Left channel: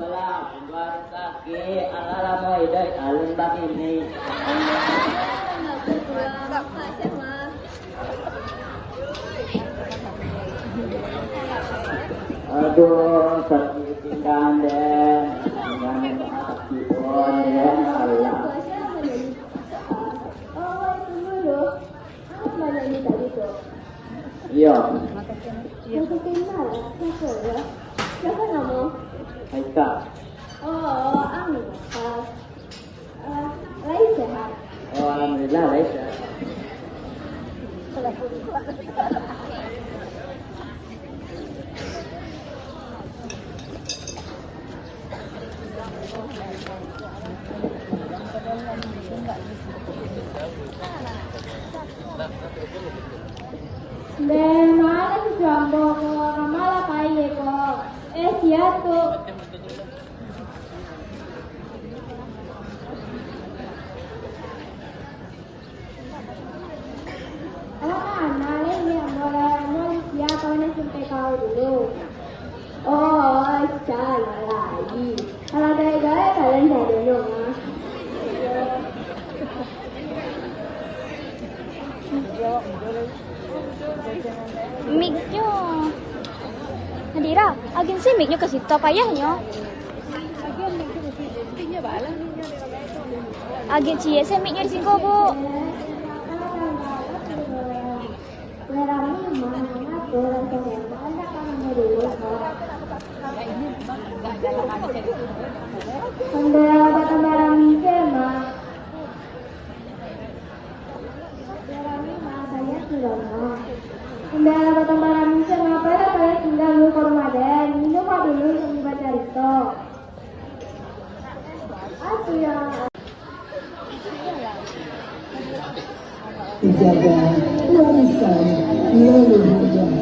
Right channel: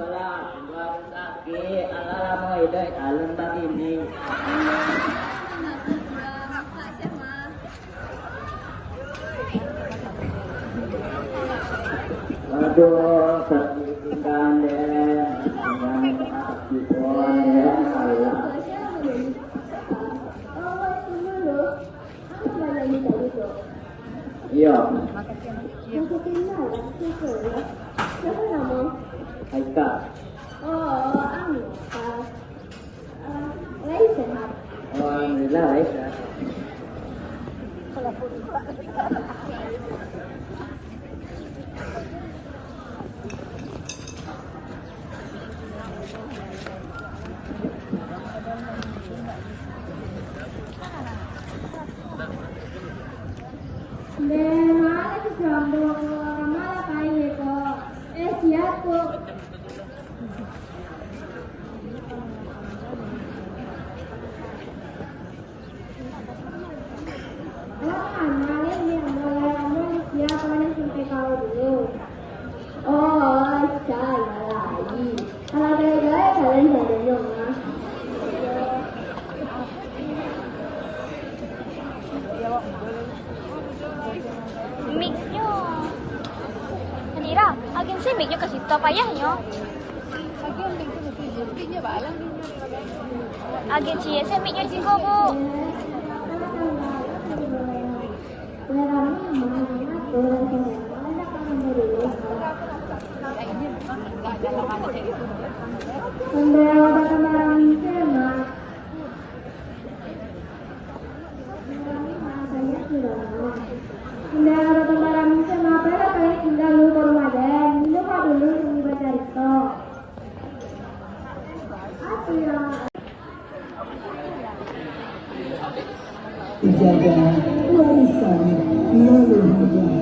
sekolah baru kaki ala mau ide alun begini. Aduh, sepindahan deh, jangan kaki pun ya Allah. Oh, itu dulu. Aku belajar di tadi tuh. Iya, Masih kenal, siapa ya? Siapa kamu? Aika. Oh, Anita. Lain sehat. Oh, alhamdulillah, Aika. Dengan jambu kamala kaye ko. Siatu. Nalin yang mulai kamu siapa yang sampai kau dulu. Oh, salah lagi. Kalau gaya-gaya kalian dari rumah. Mic nyo. Nadira, agensi mic nyo kasi ito payah nyo. Agensi ya, sa mic nyo di singko bu. Dijaga, warisan, yang muda.